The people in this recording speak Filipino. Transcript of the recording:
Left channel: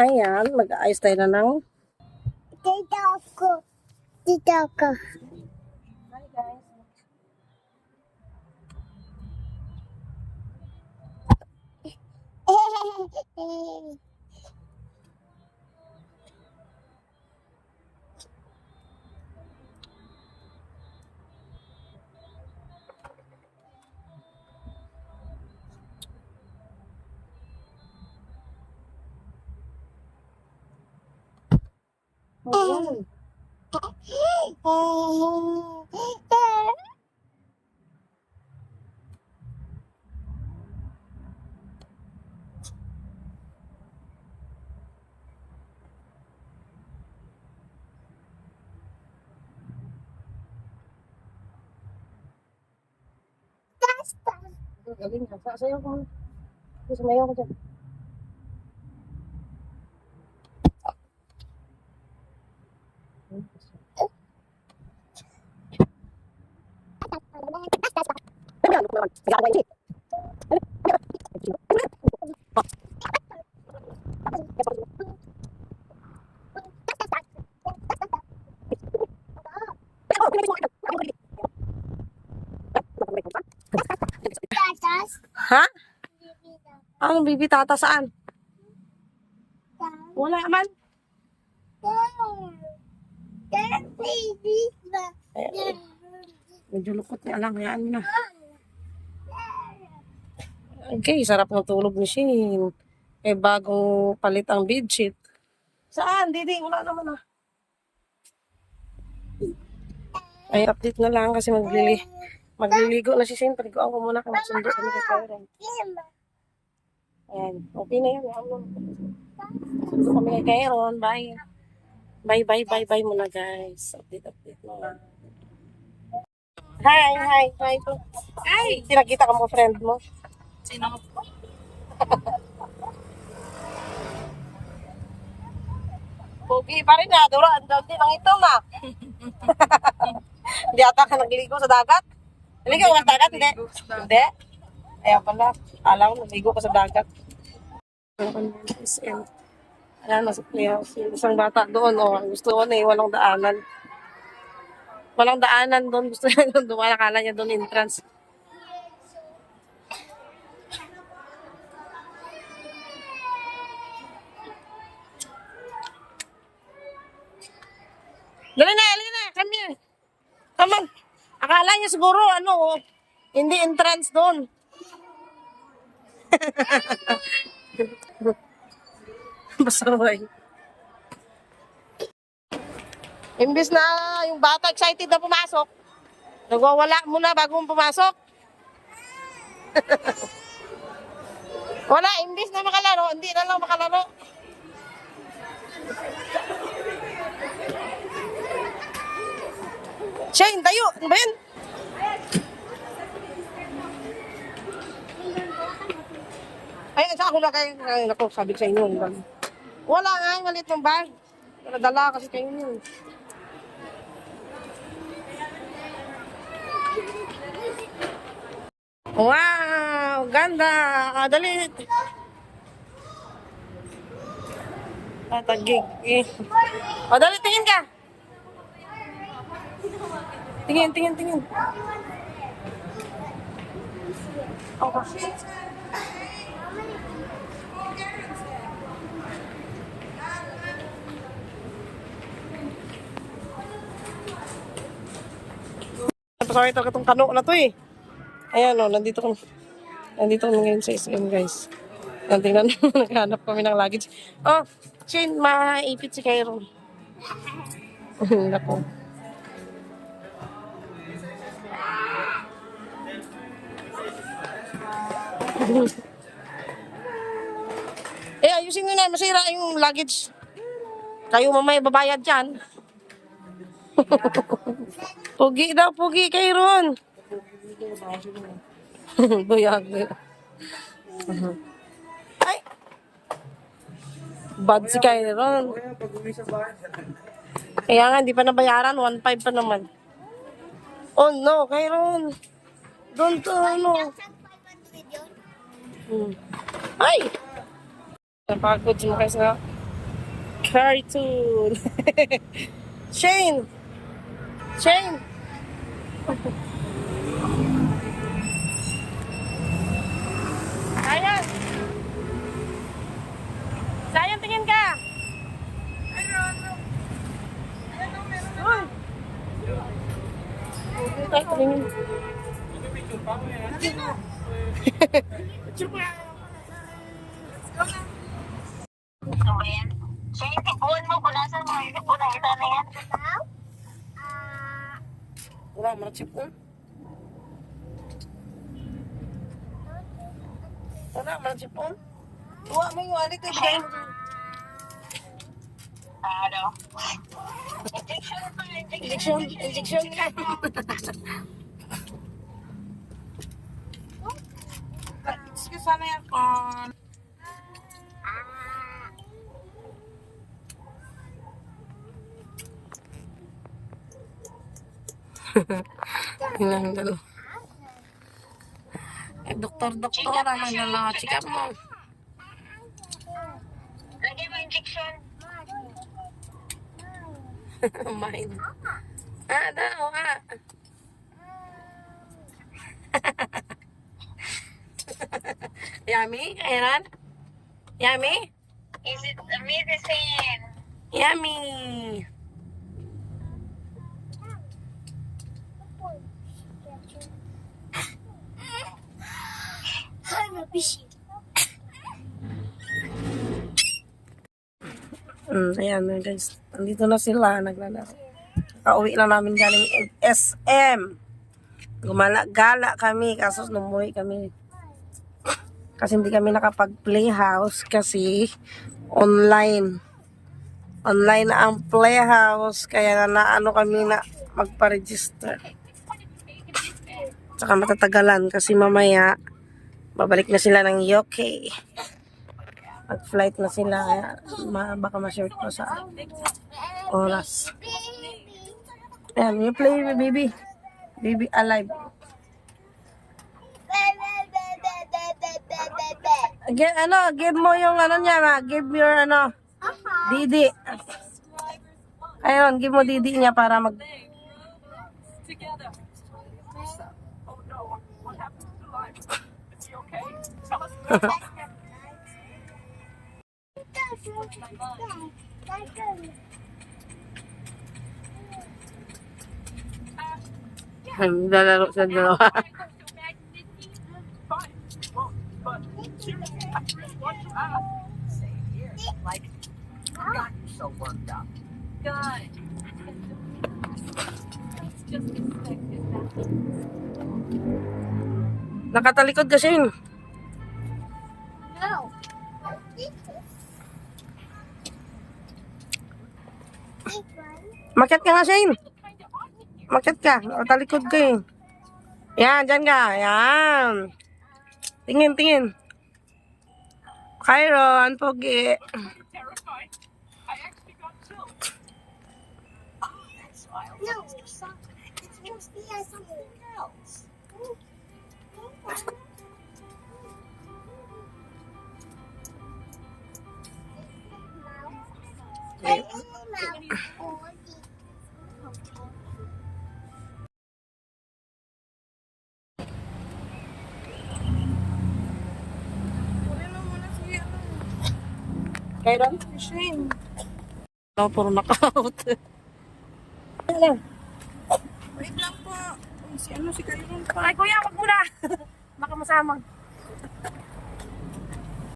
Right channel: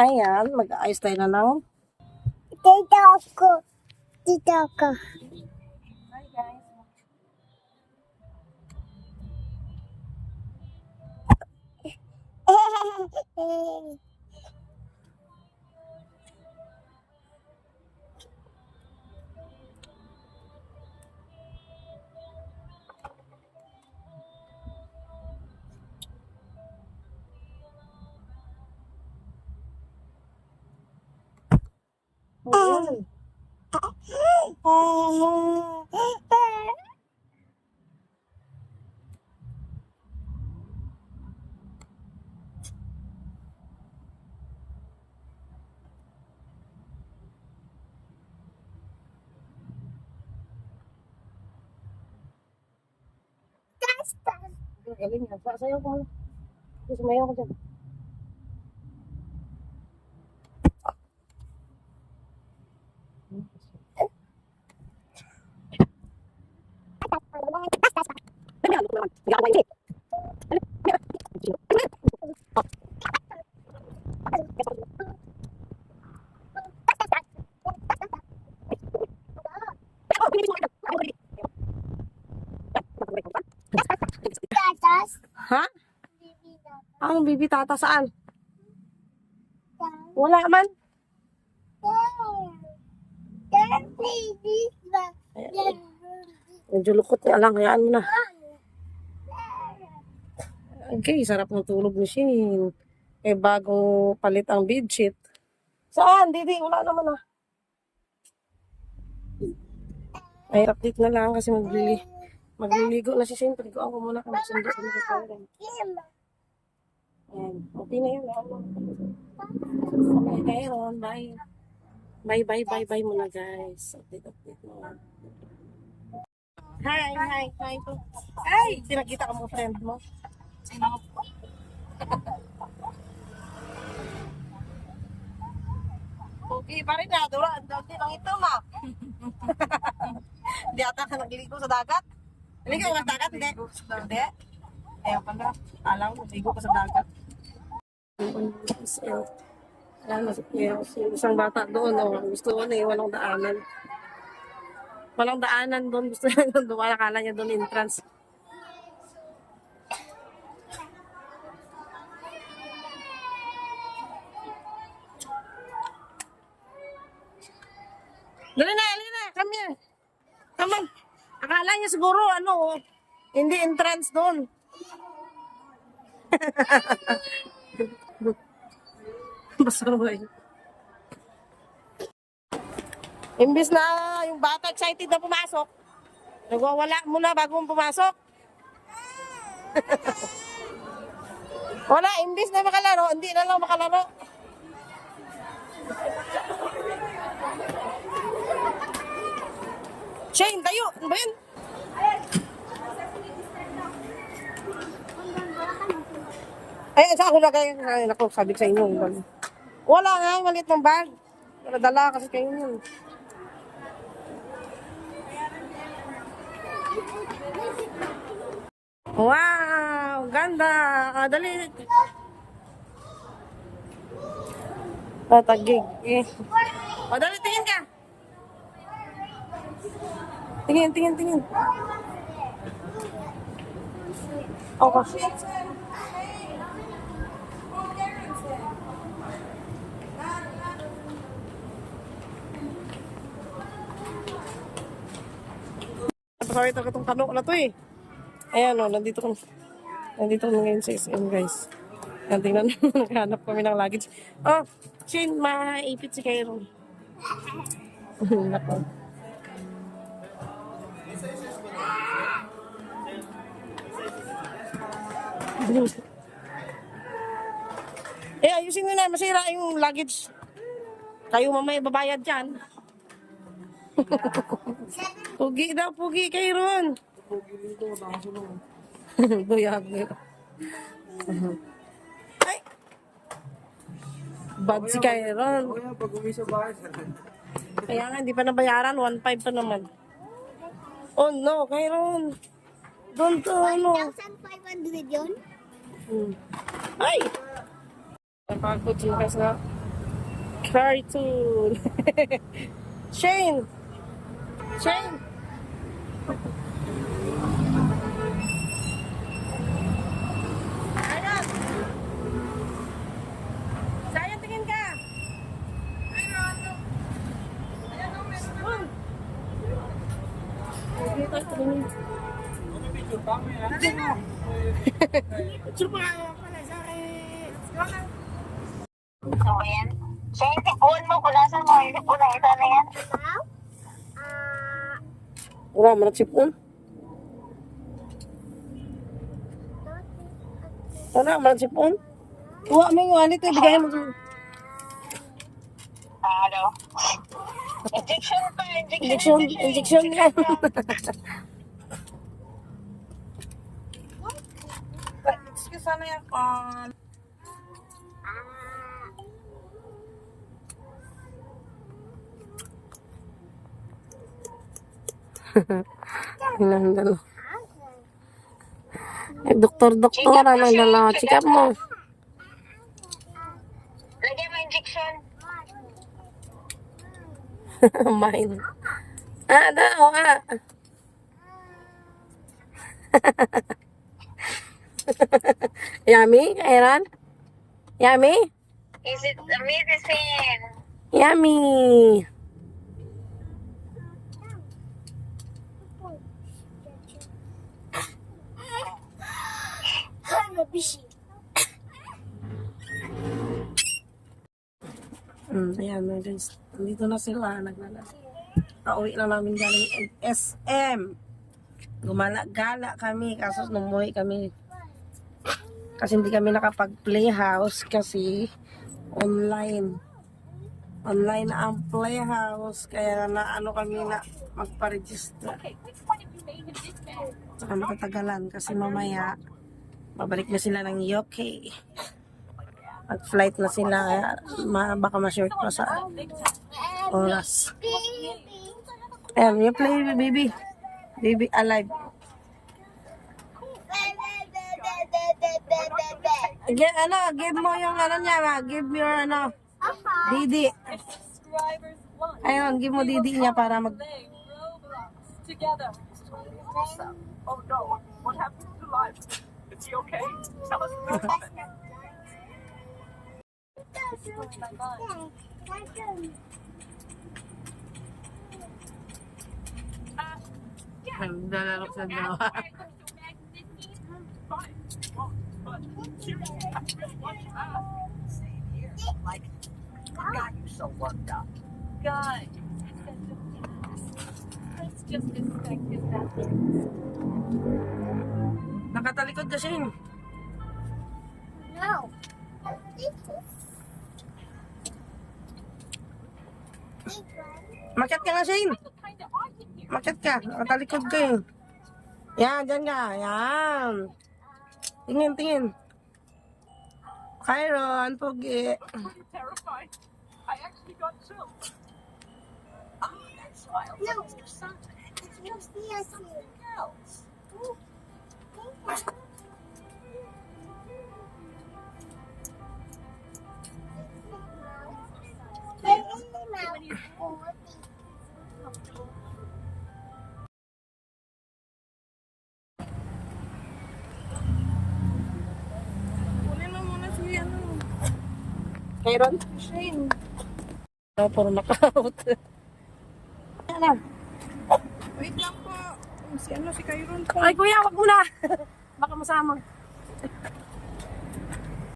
Ayan, mag-aayos tayo na ng... Dito ako. Dito ako. Hi guys. Ayan. Galing ka. Sasayaw ko. Sumayaw ko dyan. Ha? Anong bibi tata saan? Wala man. Ayan. Medyo lukot na lang. Hayaan mo na. Okay, sarap ng tulog ni Shin. Eh, bagong palit ang bedsheet. Saan? Didi, wala naman ah. Ay, update na lang kasi magliligo na si Shin. Paliguan ko muna kung magsundo kami kay Karen. Ayan, okay na yun. Sundo kami kay Karen. Bye. Bye muna guys. Update na lang. Hi. Hi. Sinakita ka mo friend mo. Sino po? Pogi pa rin na. Dura, ang dami lang ito ma. Hindi ata ka nagligo sa dagat? Naligo ka sa dagat? Hindi. Hindi? Ayaw pala. Alam mo, nagligo ka sa dagat. Ayan, isang bata doon. Oh. Gusto ko na walang daanan. Walang daanan doon. Gusto niya doon. Dumaan, akala niya doon entrance. Dali na. Come here. Come on. Akala niya siguro, hindi entrance doon. Basaway. Imbis na yung bata excited na pumasok, nagwawala muna bago pumasok. Wala, imbis na makalaro, hindi na lang makalaro. Shane, tayo! Ano ba yun? Ay, sa ako na kayo. Ay, naku, sabi ko sa inyo. Wala nga, maliit ng bag. Dala kasi kayo yun. Wow! Ganda! Dali! Tatagig. Dali, tingin ka! Tingin. Okay. Pasaway talaga itong kano na to eh. Ayan o, nandito kami ngayon sa SM guys. Ayan, tingnan mo, naghanap kami ng luggage. Oh, Shane, maipit si Kairon. Nako. Ayusin nyo na, masira yung luggage. Kayo mamaya babayad dyan. Pugi daw, Kairon. Buyag. Ay! Bad si Kairon. Kaya nga, hindi pa nabayaran. 1.5 pa naman. Oh no, Kairon. Don't, 1,500 yun? Ay! Napagod mo kayo sa Cartoon. Shane! Shane! Ayan! Sayan, tingin ka! Uy! Hindi tayo tumingin. Ano ba yan? Siya yung tikuan mo, punasan mo, yung unang isa na yan. Wala, manag-sipon. Wala, manag-sipon. Tuwa mo yung wallet, bigayin mo dyan. Ano? Injection pa, Injection yan. Sana yan. Hinandalo. Eh, doktor, ano dala? Check up mo. Lagyan mo injection. Mine. O. Yummy, Aaron? Yummy? Is it a medicine? Yummy. Ayan na guys. Andito na sila. Naglalaro. Pauwi lang namin galing SM. Gumala-gala kami. Kaso numuwi kami. Kasi hindi kami nakapag-playhouse kasi online. Online na ang playhouse. Kaya na ano kami na magpa-register. Tsaka matatagalan kasi mamaya babalik na sila ng UK. Mag-flight na sila. Kaya baka ma-short pa sa oras. Ayan, you play baby. Baby alive. Give mo yung niya, give your Didi. Ayun, give mo Didi niya para mag together. Oh no, what happened to life? Is he okay? Tell us about it. My mind. lalaro sa dalawa. Fine, won't, but you I really want to ask. Same here. Like, what got you so worked up? God. Let's just expect his after. Nakatalikod kasi yun. No. Makat ka nga, Shane. Makat ka. Nakatalikod ka eh. Yan, dyan ka. Yan. Tingin, tingin. Kyron, pogi. Terrified. I actually got chills. Ah, that smile No. from Mr. Simon. It's mostly a Something else. Kyron? Shane. Puro knockout. Ano? Wait lang po. Si Kyron pa. Ay, kuya, wag mo na. Baka masamang.